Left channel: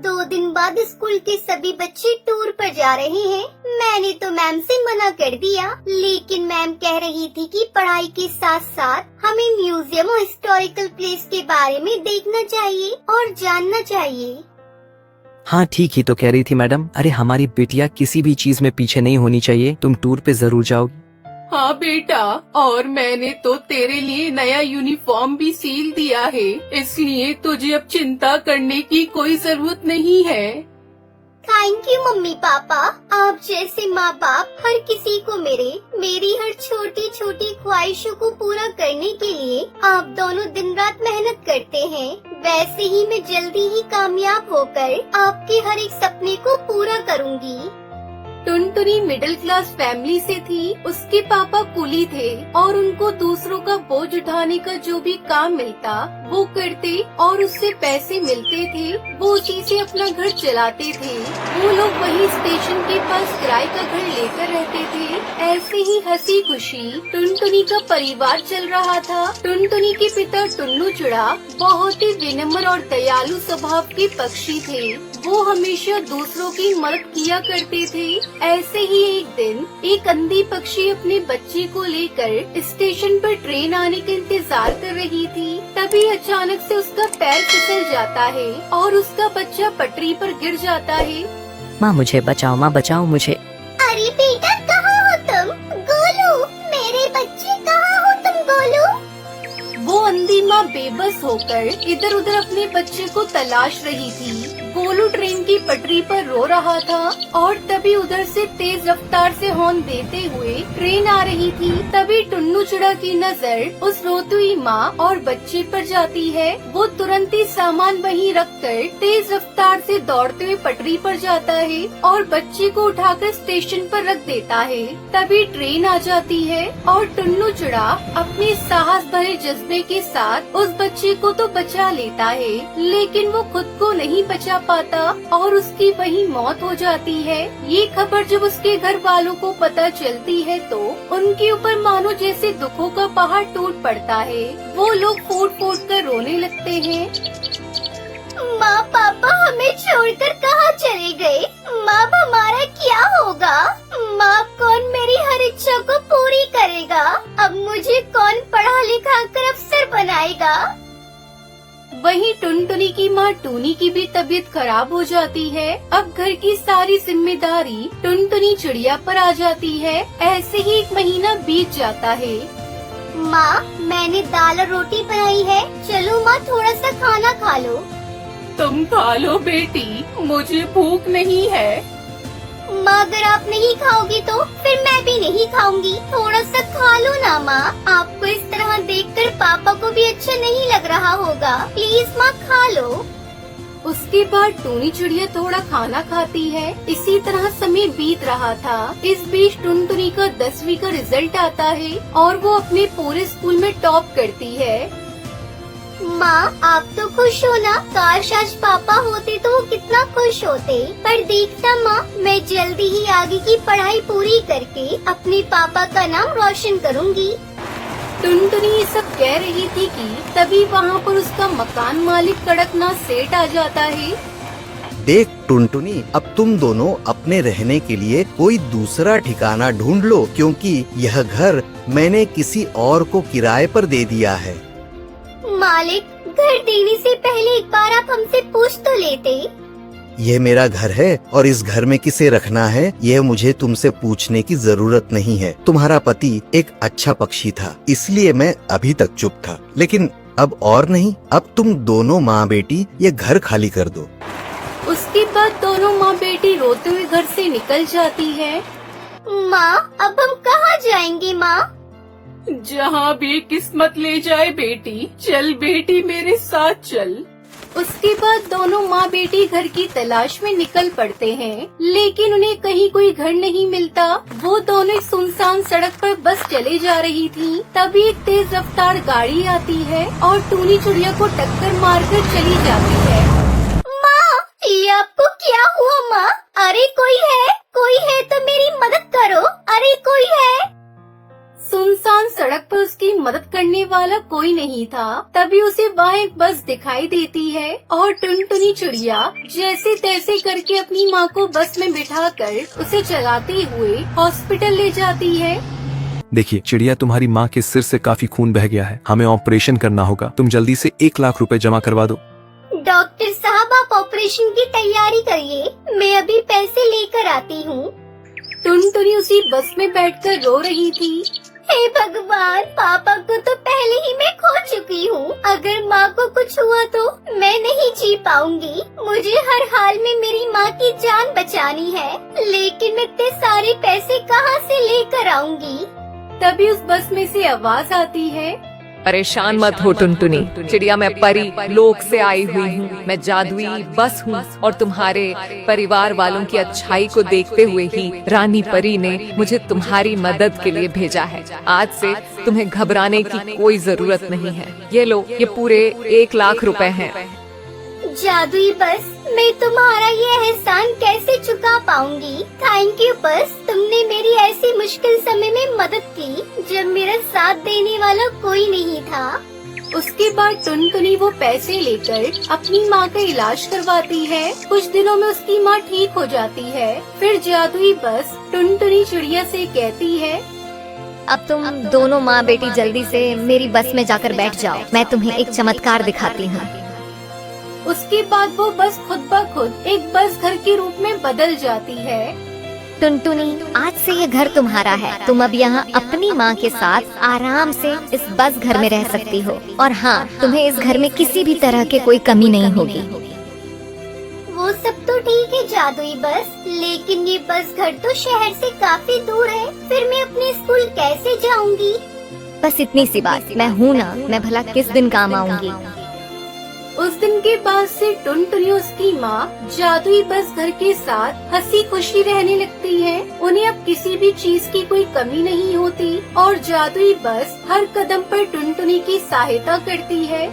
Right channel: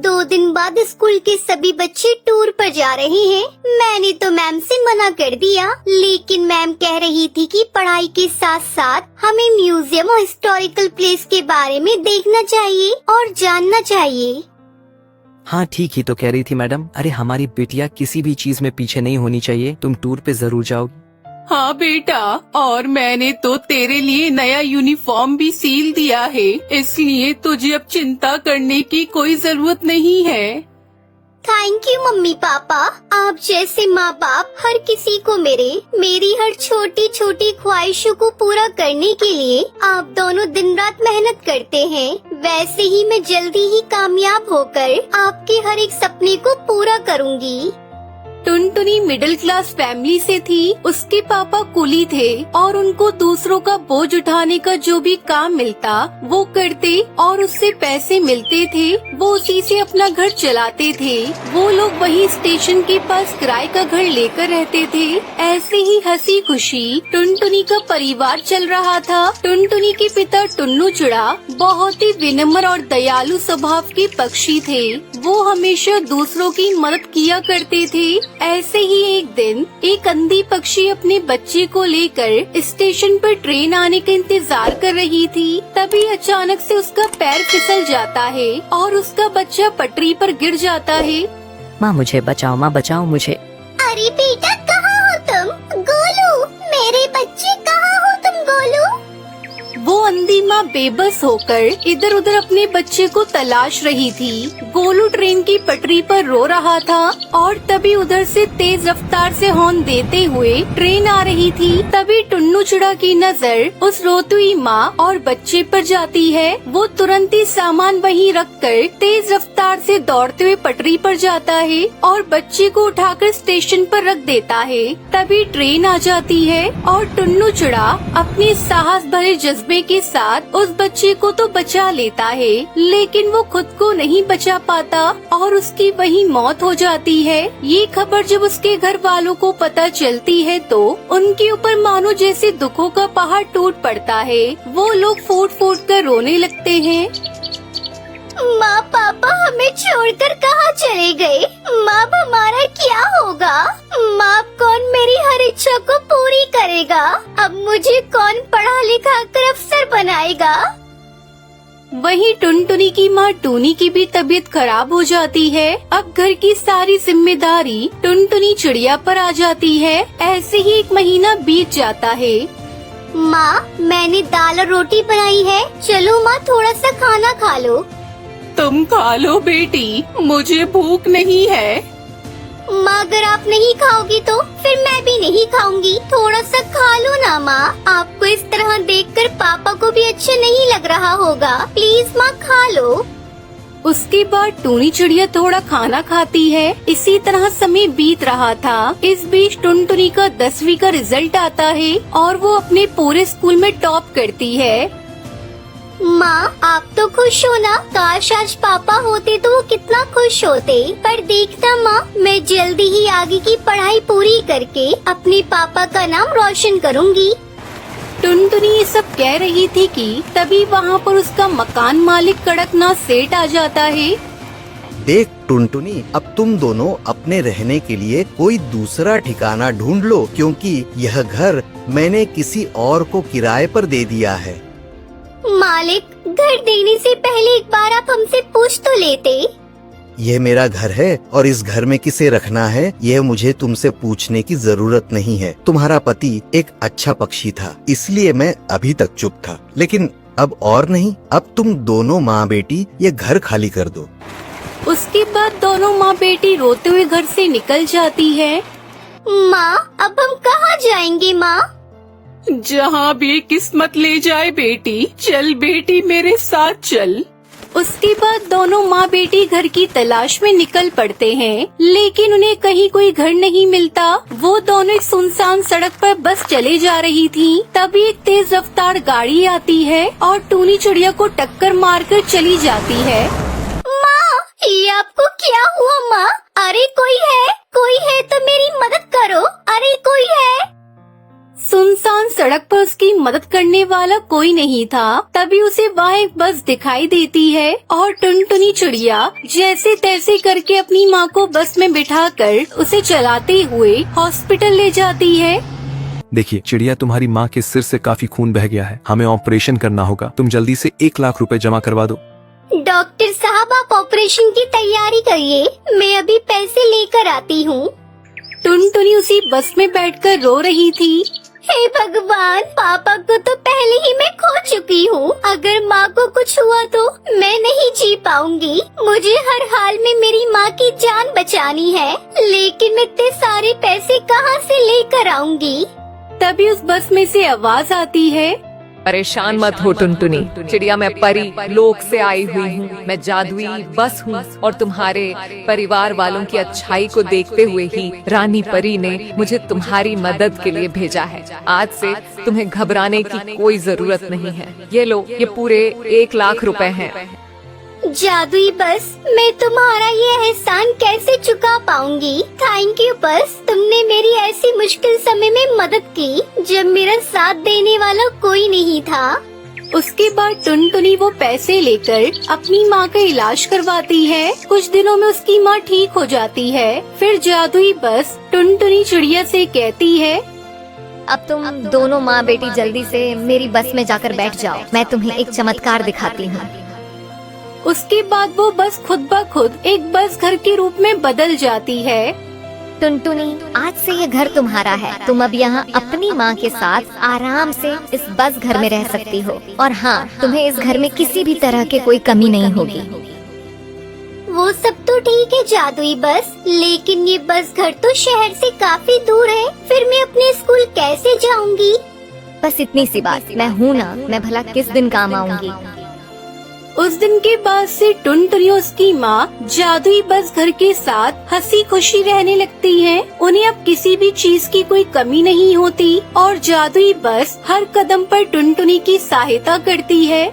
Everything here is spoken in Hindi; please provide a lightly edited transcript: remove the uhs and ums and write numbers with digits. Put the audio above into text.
2 दिन बाद स्कूल के सभी बच्चे टूर पर जा रहे हैं। मैंने तो मैम से मना कर दिया, लेकिन मैम कह रही थी कि पढ़ाई के साथ साथ हमें म्यूजियम और हिस्टोरिकल प्लेस के बारे में देखना चाहिए और जानना चाहिए। हाँ ठीक ही तो कह रही थी मैडम। अरे हमारी बिटिया किसी भी चीज में पीछे नहीं होनी चाहिए। तुम टूर पे जरूर जाओगी। हाँ बेटा, और मैंने तो तेरे लिए नया यूनिफॉर्म भी सील दिया है, इसलिए तुझे अब चिंता करने की कोई जरूरत नहीं है। Thank you mummy papa. आप जैसे माँ बाप हर किसी को मेरी हर छोटी छोटी ख्वाहिशों को पूरा करने के लिए आप दोनों दिन रात मेहनत करते हैं। वैसे ही मैं जल्दी ही कामयाब होकर आपके हर एक सपने को पूरा करूँगी। टुनटुनी मिडिल क्लास फैमिली से थी। उसके पापा कुली थे और उनको दूसरों का बोझ उठाने का जो भी काम मिलता वो करते और उससे पैसे मिलते थे, वो उसी से अपना घर चलाते थे। वो लोग वही स्टेशन के पास किराए का घर लेकर रहते थे। ऐसे ही हंसी खुशी टुनटुनी का परिवार चल रहा था। टुनटुनी के पिता टुन्नू चुड़ा बहुत ही विनम्र और दयालु स्वभाव के पक्षी थे। वो हमेशा दूसरों की मदद किया करते थे। ऐसे ही एक दिन एक अंधी पक्षी अपने बच्चे को लेकर स्टेशन पर ट्रेन आने का इंतजार कर रही थी। तभी अचानक से उसका पैर फिसल जाता है और उसका बच्चा पटरी पर गिर जाता है। माँ मुझे बचाओ, माँ बचाओ मुझे। अरे बेटा कहाँ हो तुम? गोलू, मेरे बच्चे कहाँ हो तुम? गोलू। वो अंधी माँ बेबस होकर इधर उधर अपने बच्चे को तलाश रही थी। गोलू ट्रेन की पटरी पर रो रहा था और तभी उधर से तेज रफ्तार से हॉर्न देते हुए ट्रेन आ रही थी। तभी टुन्नू चुड़ा की नजर उस रोती हुई माँ और बच्चे पर जाती है। वो तुरंत ही सामान वहीं रखकर तेज रफ्तार से दौड़ते हुए पटरी पर जाता है और बच्चे को उठाकर स्टेशन पर रख देता है। तभी ट्रेन आ जाती है और टुन्नू चुड़ा अपने साहस भरे जज्बे के साथ उस बच्चे को तो बचा लेता है, लेकिन वो खुद को नहीं बचा पाता और उसकी वहीं मौत हो जाती है। ये खबर जब उसके घर वालों को पता चलती है तो उनके ऊपर मानो जैसे दुखों का पहाड़ टूट पड़ता है। वो लोग फूट फूट कर रोने लगते हैं। माँ पापा हमें छोड़कर कहाँ चले गए? माँ हमारा क्या होगा? माँ कौन मेरी हर इच्छा को पूरी करेगा? अब मुझे कौन पढ़ा लिखा कर अफसर बनाएगा? वहीं टुनटुनी की माँ टूनी की भी तबीयत खराब हो जाती है। अब घर की सारी जिम्मेदारी टुनटुनी चिड़िया पर आ जाती है। ऐसे ही 1 महीना बीत जाता है। माँ मैंने दाल और रोटी बनाई है, चलो माँ थोड़ा सा खाना खा लो। तुम खा लो बेटी, मुझे भूख नहीं है। माँ अगर आप नहीं खाओगी तो फिर मैं भी नहीं खाऊंगी। थोड़ा सा खा लो ना माँ। आपको इस तरह देखकर पापा को भी अच्छा नहीं लग रहा होगा। प्लीज माँ खा लो। उसके बाद टूनी चिड़िया थोड़ा खाना खाती है। इसी तरह समय बीत रहा था। इस बीच टुनटुनी का 10वीं का रिजल्ट आता है और वो अपने पूरे स्कूल में टॉप करती है। माँ आप तो खुश हो ना? काश आज पापा होते तो वो कितना खुश होते। पर देखता माँ, मैं जल्दी ही आगे की पढ़ाई पूरी करके अपने पापा का नाम रोशन करूँगी। टुनटुनी ये सब कह रही थी कि तभी वहाँ पर उसका मकान मालिक कड़कनाथ सेठ आ जाता है। देख टुनटुनी, अब तुम दोनों अपने रहने के लिए कोई दूसरा ठिकाना ढूंढ लो, क्योंकि यह घर मैंने किसी और को किराए पर दे दिया है। मालिक, घर देने से पहले एक बार आप हमसे पूछ तो लेते। यह मेरा घर है और इस घर में किसे रखना है यह मुझे तुमसे पूछने की जरूरत नहीं है। तुम्हारा पति एक अच्छा पक्षी था, इसलिए मैं अभी तक चुप था, लेकिन अब और नहीं। अब तुम दोनों माँ बेटी ये घर खाली कर दो। उसके बाद दोनों माँ बेटी रोते हुए घर से निकल जाती है। माँ अब हम कहाँ जाएंगे माँ? जहाँ भी किस्मत ले जाए बेटी। चल बेटी मेरे साथ चल। उसके बाद दोनों माँ बेटी घर की तलाश में निकल पड़ते हैं, लेकिन उन्हें कहीं कोई घर नहीं मिलता। वो दोनों एक सुनसान सड़क पर बस चले जा रही थी। तभी एक तेज रफ्तार गाड़ी आती है और टूनी चिड़िया को टक्कर मारकर चली जाती है। माँ ये आपको क्या हुआ माँ? अरे कोई है तो मेरी मदद करो। अरे कोई है। सुनसान सड़क पर उसकी मदद करने वाला कोई नहीं था। तभी उसे वहाँ एक बस दिखाई देती है और टुनटुनी चिड़िया जैसे तैसे करके अपनी माँ को बस में बिठाकर उसे चलाते हुए हॉस्पिटल ले जाती है। देखिए चिड़िया, तुम्हारी माँ के सिर से काफी खून बह गया है, हमें ऑपरेशन करना होगा। तुम जल्दी से 1 लाख रुपए जमा करवा दो। डॉक्टर साहब, आप ऑपरेशन की तैयारी करिए, मैं अभी पैसे लेकर आती हूँ। टुनटुनी उसी बस में बैठकर रो रही थी। हे भगवान, पापा को तो पहले ही मैं खो चुकी हूँ। अगर माँ को कुछ हुआ तो मैं नहीं जी पाऊंगी। मुझे हर हाल में मेरी माँ की जान बचानी है, लेकिन मैं इतने सारे पैसे कहाँ से लेकर आऊंगी? तभी उस बस में से आवाज आती है, परेशान मत हो टुनटुनी चिड़िया, मैं परी लोक से आई हुई हूँ। मैं जादुई बस हूँ और तुम्हारे परिवार वालों की अच्छाई को देखते हुए ही रानी परी ने मुझे तुम्हारी मदद के लिए भेजा है। आज से तुम्हें घबराने की कोई जरूरत नहीं है। ये लो, ये पूरे 1 लाख रुपए हैं। जादुई बस, मैं तुम्हारा ये एहसान कैसे चुका पाऊंगी? थैंक यू बस, तुमने मेरी ऐसी मुश्किल समय में मदद की जब मेरा साथ देने वाला कोई नहीं था। उसके बाद टुनटुनी वो पैसे लेकर अपनी माँ का इलाज करवाती है। कुछ दिनों में उसकी माँ ठीक हो जाती है। फिर जादुई बस टुनटुनी चिड़िया से कहती है, अब तुम दोनों माँ बेटी जल्दी से मेरी बस में जाकर बैठ जाओ, मैं तुम्हें एक चमत्कार दिखाती हूँ। उसके बाद वो बस खुद ब खुद एक बस घर के रूप में बदल जाती है। टुनटुनी, आज से ये घर तुम्हारा है। तुम अब यहाँ अपनी माँ के साथ आराम से इस बस घर में रह सकती हो। और हाँ, तुम्हें इस घर में किसी भी तरह की कोई कमी नहीं होगी। वो सब तो ठीक है जादुई बस, लेकिन ये बस घर तो शहर से काफी दूर है। फिर मैं अपने स्कूल कैसे जाऊंगी? बस इतनी सी बात, मैं हूँ ना, मैं भला किस दिन काम आऊंगी। उस दिन के बाद से टुनटुनी और उसकी माँ जादुई बस घर के साथ हंसी खुशी रहने लगती हैं। उन्हें अब किसी भी चीज की कोई कमी नहीं होती और जादुई बस हर कदम पर टुनटुनी की सहायता करती है।